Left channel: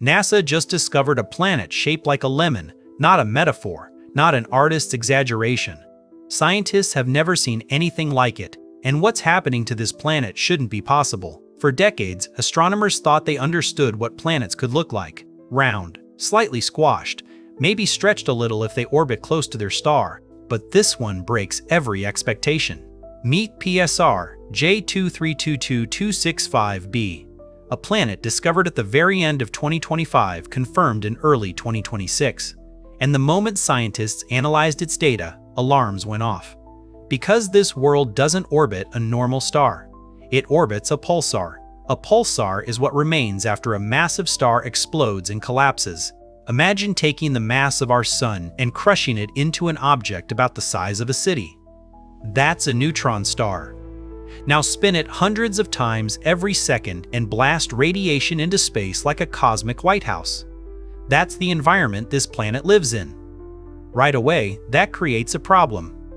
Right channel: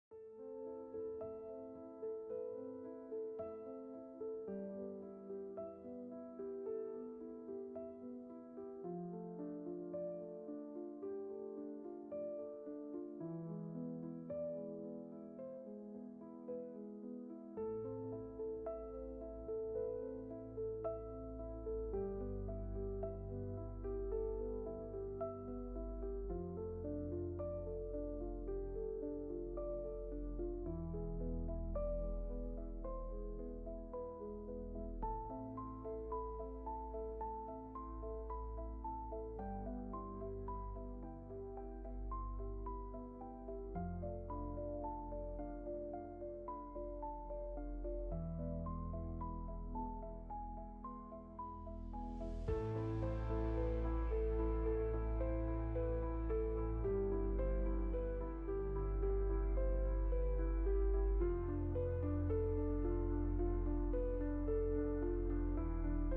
NASA just discovered a planet shaped like a lemon, not a metaphor, not an artist's exaggeration. Scientists have never seen anything like it, and what's happening to this planet shouldn't be possible. For decades, astronomers thought they understood what planets could look like: round, slightly squashed, maybe stretched a little if they orbit close to their star. But this one breaks every expectation. Meet PSR J2322-2650b, a planet discovered at the very end of 2025, confirmed in early 2026. And the moment scientists analyzed its data, alarms went off. Because this world doesn't orbit a normal star. It orbits a pulsar. A pulsar is what remains after a massive star explodes and collapses. Imagine taking the mass of our sun and crushing it into an object about the size of a city. That's a neutron star. Now spin it hundreds of times every second and blast radiation into space like a cosmic White House. That's the environment this planet lives in. Right away, that creates a problem.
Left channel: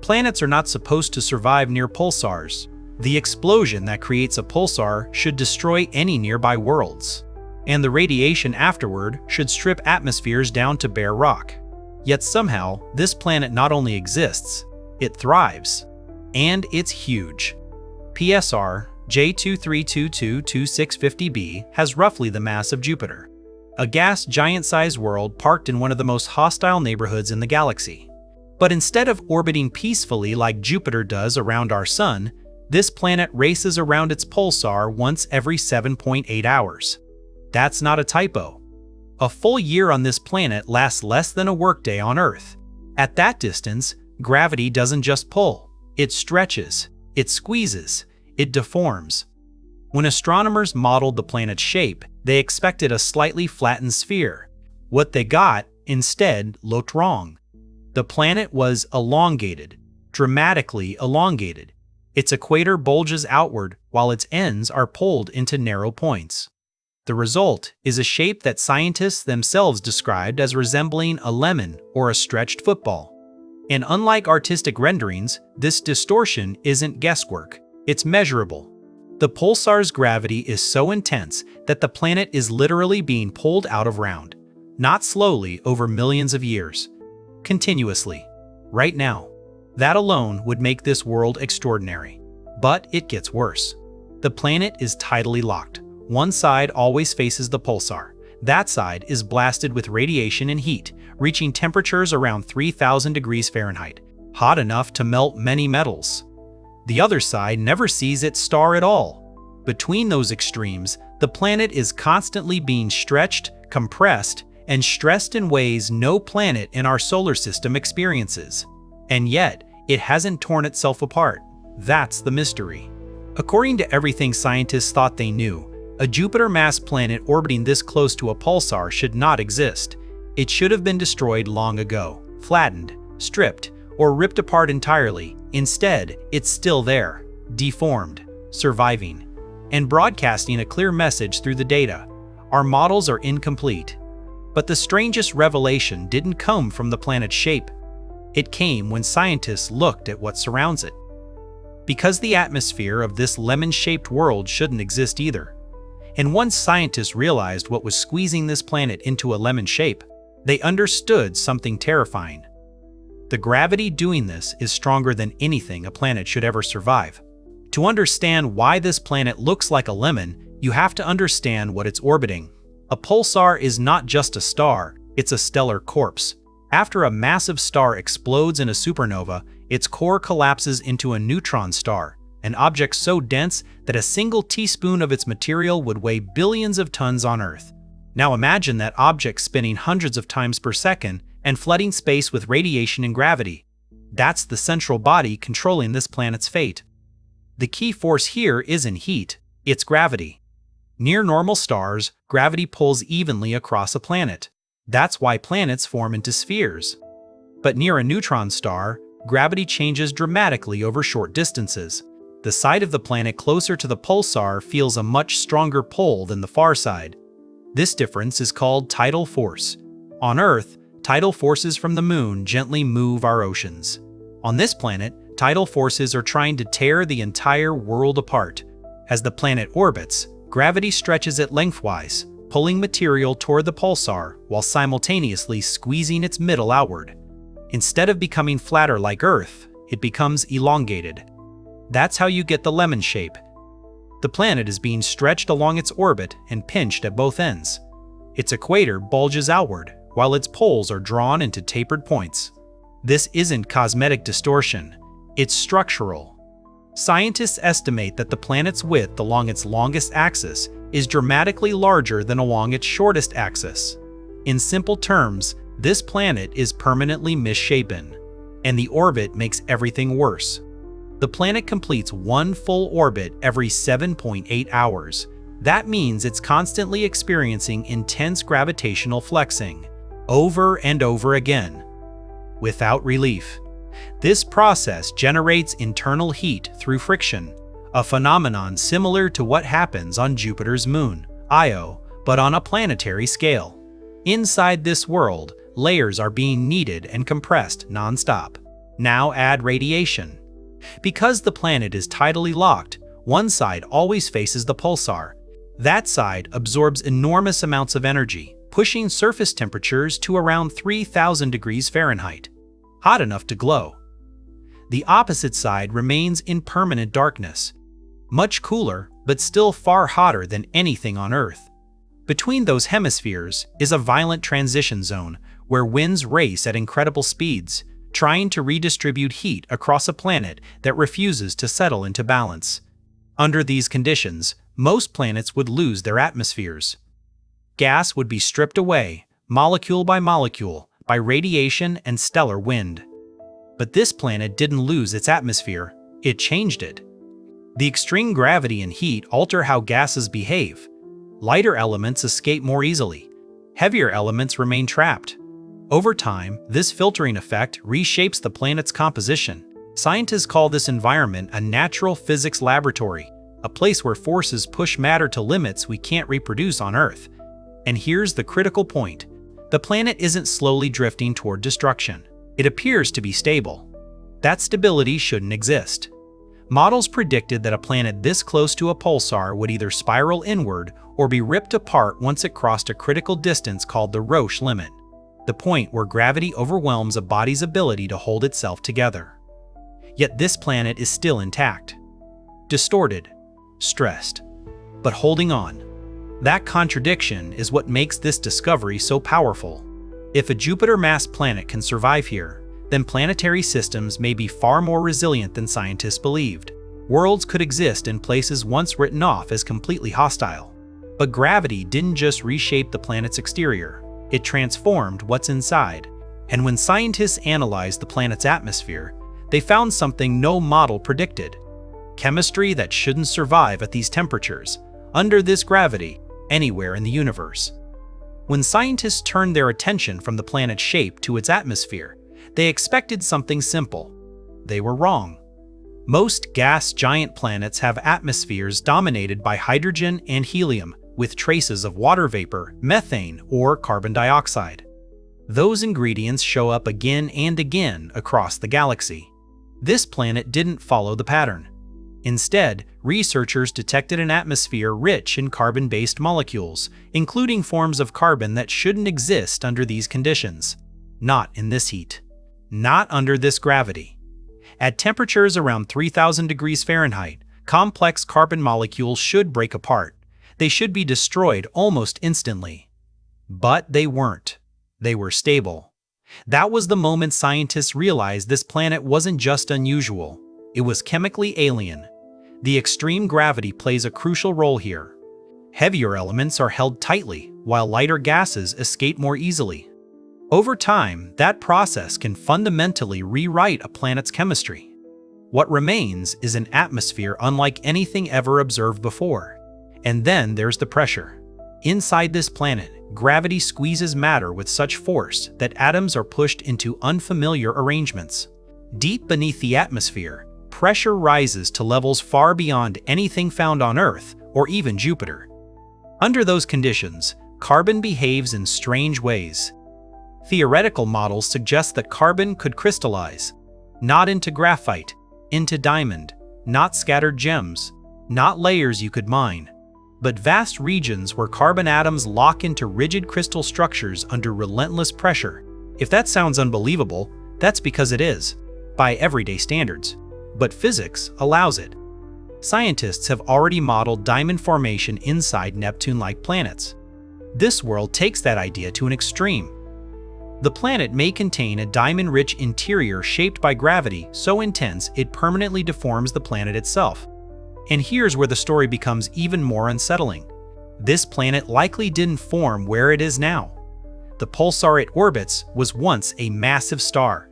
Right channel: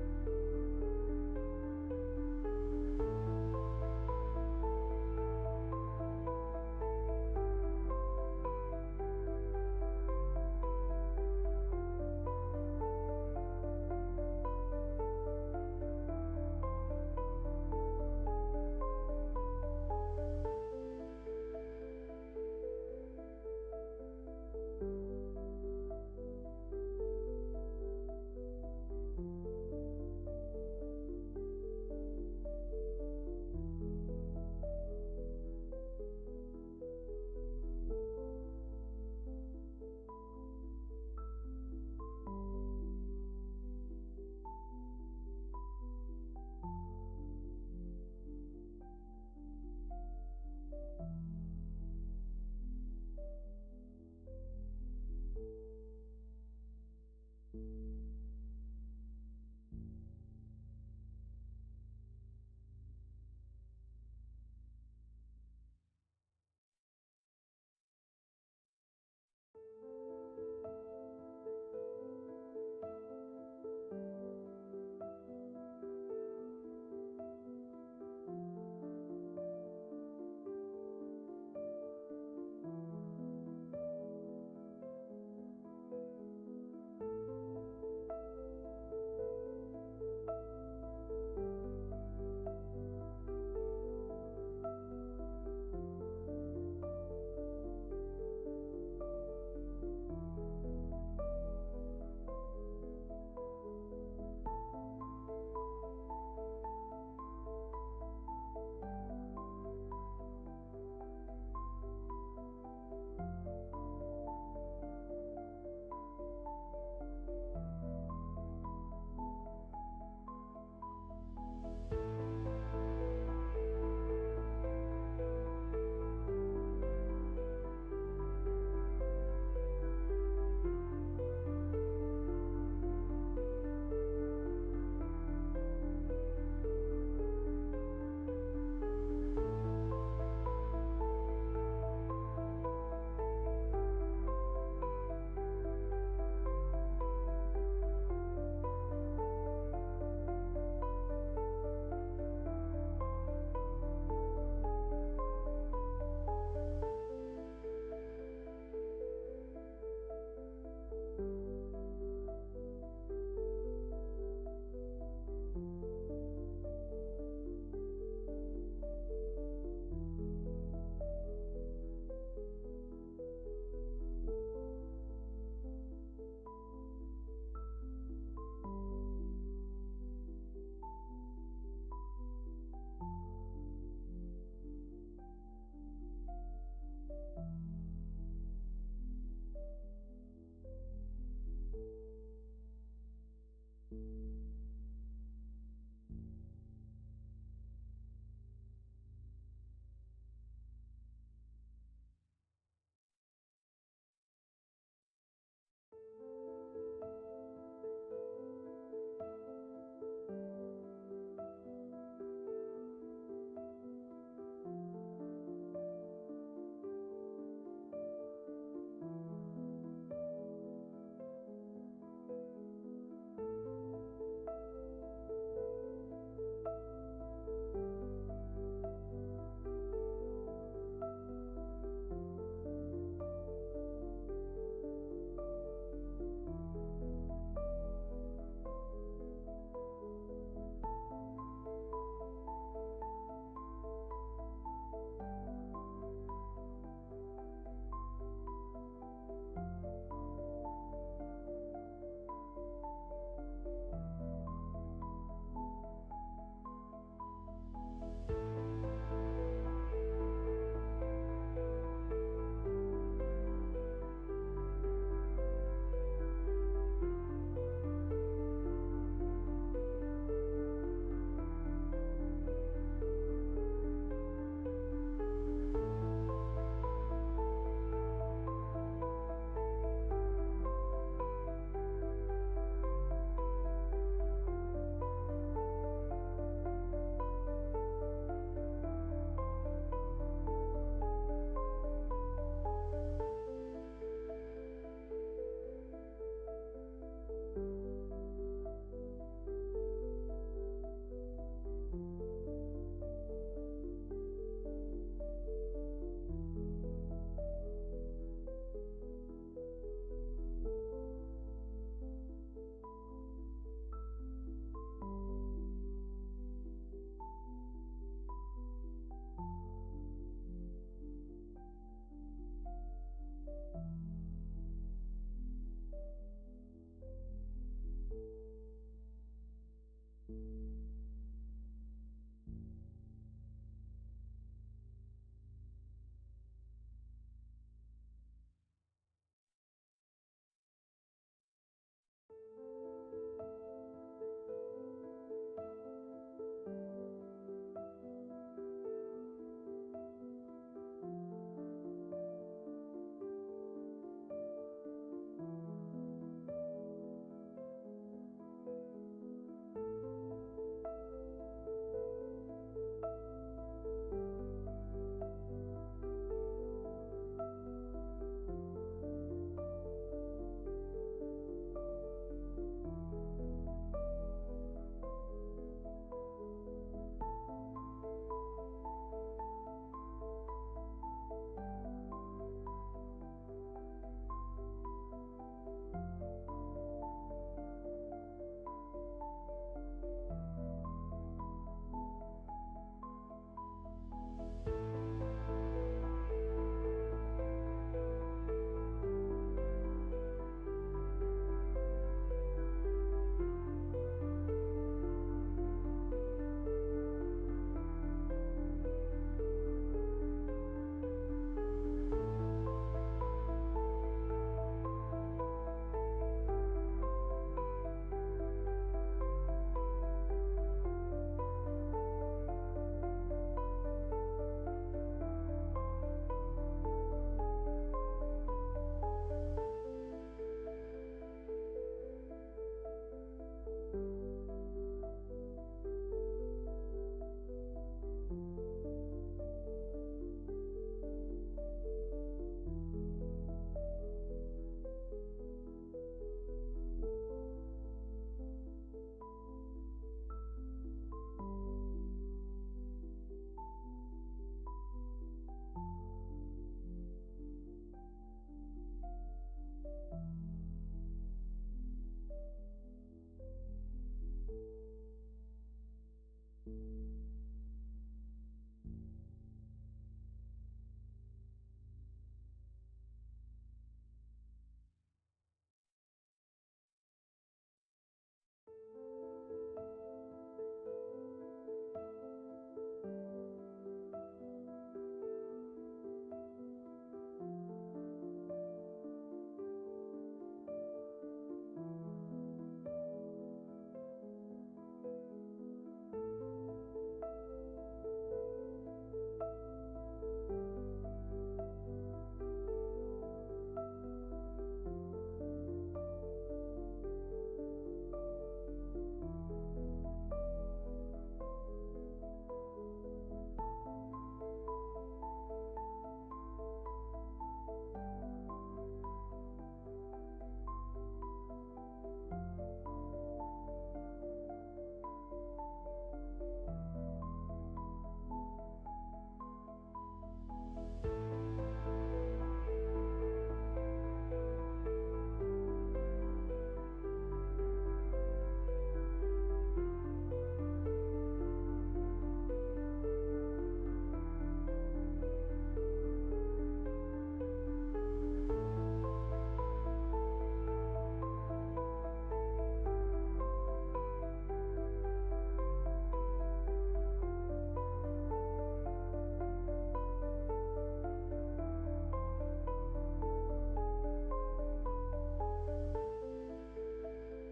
Planets are not supposed to survive near pulsars. The explosion that creates a pulsar should destroy any nearby worlds. And the radiation afterward should strip atmospheres down to bare rock. Yet somehow, this planet not only exists, it thrives. And it's huge. PSR J2322-2650b has roughly the mass of Jupiter, a gas giant-sized world parked in one of the most hostile neighborhoods in the galaxy. But instead of orbiting peacefully like Jupiter does around our sun, this planet races around its pulsar once every 7.8 hours. That's not a typo. A full year on this planet lasts less than a workday on Earth. At that distance, gravity doesn't just pull. It stretches, it squeezes, it deforms. When astronomers modeled the planet's shape, they expected a slightly flattened sphere. What they got, instead, looked wrong. The planet was elongated, dramatically elongated. Its equator bulges outward while its ends are pulled into narrow points. The result is a shape that scientists themselves described as resembling a lemon or a stretched football. And unlike artistic renderings, this distortion isn't guesswork, it's measurable. The pulsar's gravity is so intense that the planet is literally being pulled out of round, not slowly over millions of years, continuously, right now. That alone would make this world extraordinary. But it gets worse. The planet is tidally locked. One side always faces the pulsar. That side is blasted with radiation and heat, reaching temperatures around 3,000 degrees Fahrenheit, hot enough to melt many metals. The other side never sees its star at all. Between those extremes, the planet is constantly being stretched, compressed, and stressed in ways no planet in our solar system experiences. And yet, it hasn't torn itself apart. That's the mystery. According to everything scientists thought they knew, a Jupiter-mass planet orbiting this close to a pulsar should not exist. It should have been destroyed long ago, flattened, stripped, or ripped apart entirely. Instead, it's still there, deformed, surviving, and broadcasting a clear message through the data. Our models are incomplete. But the strangest revelation didn't come from the planet's shape. It came when scientists looked at what surrounds it. Because the atmosphere of this lemon-shaped world shouldn't exist either. And once scientists realized what was squeezing this planet into a lemon shape, they understood something terrifying. The gravity doing this is stronger than anything a planet should ever survive. To understand why this planet looks like a lemon, you have to understand what it's orbiting. A pulsar is not just a star, it's a stellar corpse. After a massive star explodes in a supernova, its core collapses into a neutron star, an object so dense that a single teaspoon of its material would weigh billions of tons on Earth. Now imagine that object spinning hundreds of times per second and flooding space with radiation and gravity. That's the central body controlling this planet's fate. The key force here isn't heat, it's gravity. Near normal stars, gravity pulls evenly across a planet. That's why planets form into spheres. But near a neutron star, gravity changes dramatically over short distances. The side of the planet closer to the pulsar feels a much stronger pull than the far side. This difference is called tidal force. On Earth, tidal forces from the moon gently move our oceans. On this planet, tidal forces are trying to tear the entire world apart. As the planet orbits, gravity stretches it lengthwise, pulling material toward the pulsar while simultaneously squeezing its middle outward. Instead of becoming flatter like Earth, it becomes elongated. That's how you get the lemon shape. The planet is being stretched along its orbit and pinched at both ends. Its equator bulges outward, while its poles are drawn into tapered points. This isn't cosmetic distortion, it's structural. Scientists estimate that the planet's width along its longest axis is dramatically larger than along its shortest axis. In simple terms, this planet is permanently misshapen, and the orbit makes everything worse. The planet completes one full orbit every 7.8 hours. That means it's constantly experiencing intense gravitational flexing, over and over again, without relief. This process generates internal heat through friction, a phenomenon similar to what happens on Jupiter's moon, Io, but on a planetary scale. Inside this world, layers are being kneaded and compressed non-stop. Now add radiation. Because the planet is tidally locked, one side always faces the pulsar. That side absorbs enormous amounts of energy, pushing surface temperatures to around 3,000 degrees Fahrenheit, hot enough to glow. The opposite side remains in permanent darkness, much cooler but still far hotter than anything on Earth. Between those hemispheres is a violent transition zone where winds race at incredible speeds, trying to redistribute heat across a planet that refuses to settle into balance. Under these conditions, most planets would lose their atmospheres. Gas would be stripped away, molecule by molecule, by radiation and stellar wind. But this planet didn't lose its atmosphere, it changed it. The extreme gravity and heat alter how gases behave. Lighter elements escape more easily. Heavier elements remain trapped. Over time, this filtering effect reshapes the planet's composition. Scientists call this environment a natural physics laboratory, a place where forces push matter to limits we can't reproduce on Earth. And here's the critical point. The planet isn't slowly drifting toward destruction. It appears to be stable. That stability shouldn't exist. Models predicted that a planet this close to a pulsar would either spiral inward or be ripped apart once it crossed a critical distance called the Roche limit, the point where gravity overwhelms a body's ability to hold itself together. Yet this planet is still intact, distorted, stressed, but holding on. That contradiction is what makes this discovery so powerful. If a Jupiter-mass planet can survive here, then planetary systems may be far more resilient than scientists believed. Worlds could exist in places once written off as completely hostile. But gravity didn't just reshape the planet's exterior, it transformed what's inside. And when scientists analyzed the planet's atmosphere, they found something no model predicted. Chemistry that shouldn't survive at these temperatures, under this gravity, anywhere in the universe. When scientists turned their attention from the planet's shape to its atmosphere, they expected something simple. They were wrong. Most gas giant planets have atmospheres dominated by hydrogen and helium, with traces of water vapor, methane, or carbon dioxide. Those ingredients show up again and again across the galaxy. This planet didn't follow the pattern. Instead, researchers detected an atmosphere rich in carbon-based molecules, including forms of carbon that shouldn't exist under these conditions. Not in this heat. Not under this gravity. At temperatures around 3,000 degrees Fahrenheit, complex carbon molecules should break apart. They should be destroyed almost instantly. But they weren't. They were stable. That was the moment scientists realized this planet wasn't just unusual. It was chemically alien. The extreme gravity plays a crucial role here. Heavier elements are held tightly, while lighter gases escape more easily. Over time, that process can fundamentally rewrite a planet's chemistry. What remains is an atmosphere unlike anything ever observed before. And then there's the pressure. Inside this planet, gravity squeezes matter with such force that atoms are pushed into unfamiliar arrangements. Deep beneath the atmosphere, pressure rises to levels far beyond anything found on Earth or even Jupiter. Under those conditions, carbon behaves in strange ways. Theoretical models suggest that carbon could crystallize, not into graphite, into diamond, not scattered gems, not layers you could mine, but vast regions where carbon atoms lock into rigid crystal structures under relentless pressure. If that sounds unbelievable, that's because it is, by everyday standards. But physics allows it. Scientists have already modeled diamond formation inside Neptune-like planets. This world takes that idea to an extreme. The planet may contain a diamond-rich interior shaped by gravity so intense it permanently deforms the planet itself. And here's where the story becomes even more unsettling. This planet likely didn't form where it is now. The pulsar it orbits was once a massive star.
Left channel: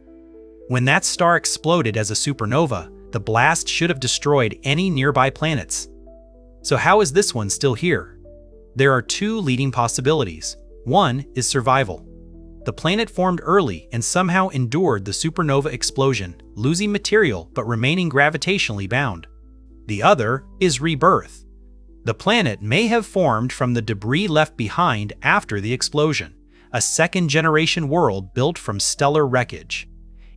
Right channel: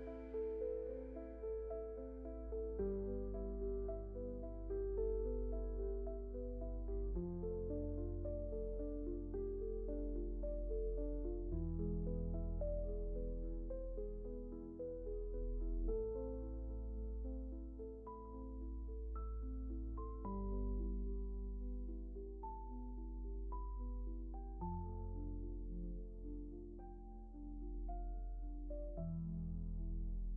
When that star exploded as a supernova, the blast should have destroyed any nearby planets. So how is this one still here? There are two leading possibilities. One is survival. The planet formed early and somehow endured the supernova explosion, losing material but remaining gravitationally bound. The other is rebirth. The planet may have formed from the debris left behind after the explosion, a second-generation world built from stellar wreckage.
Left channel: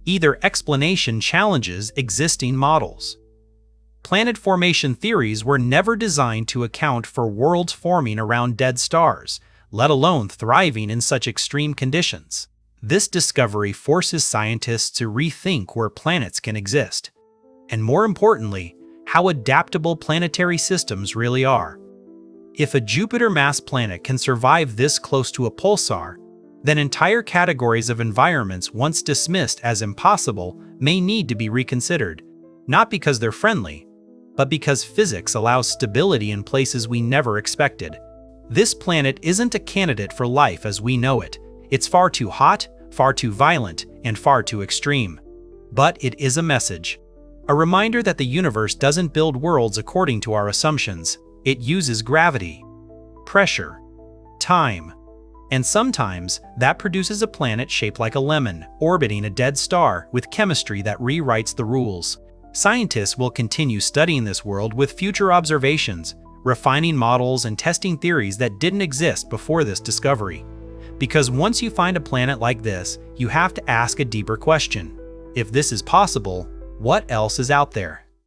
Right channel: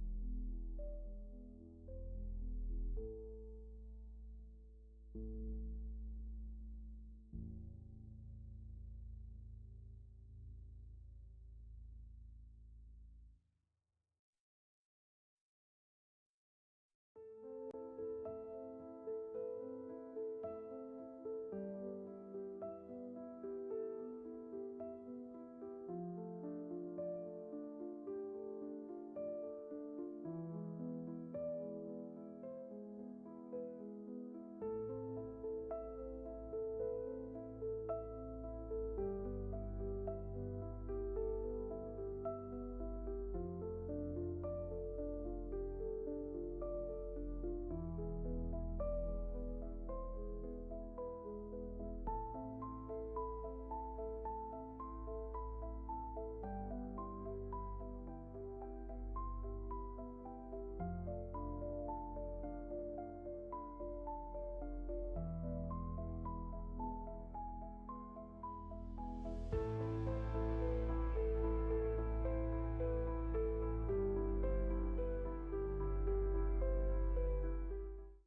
Either explanation challenges existing models. Planet formation theories were never designed to account for worlds forming around dead stars, let alone thriving in such extreme conditions. This discovery forces scientists to rethink where planets can exist, and more importantly, how adaptable planetary systems really are. If a Jupiter-mass planet can survive this close to a pulsar, then entire categories of environments once dismissed as impossible may need to be reconsidered, not because they're friendly, but because physics allows stability in places we never expected. This planet isn't a candidate for life as we know it. It's far too hot, far too violent, and far too extreme. But it is a message. A reminder that the universe doesn't build worlds according to our assumptions. It uses gravity, pressure, time, and sometimes that produces a planet shaped like a lemon, orbiting a dead star with chemistry that rewrites the rules. Scientists will continue studying this world with future observations, refining models and testing theories that didn't exist before this discovery. Because once you find a planet like this, you have to ask a deeper question. If this is possible, what else is out there?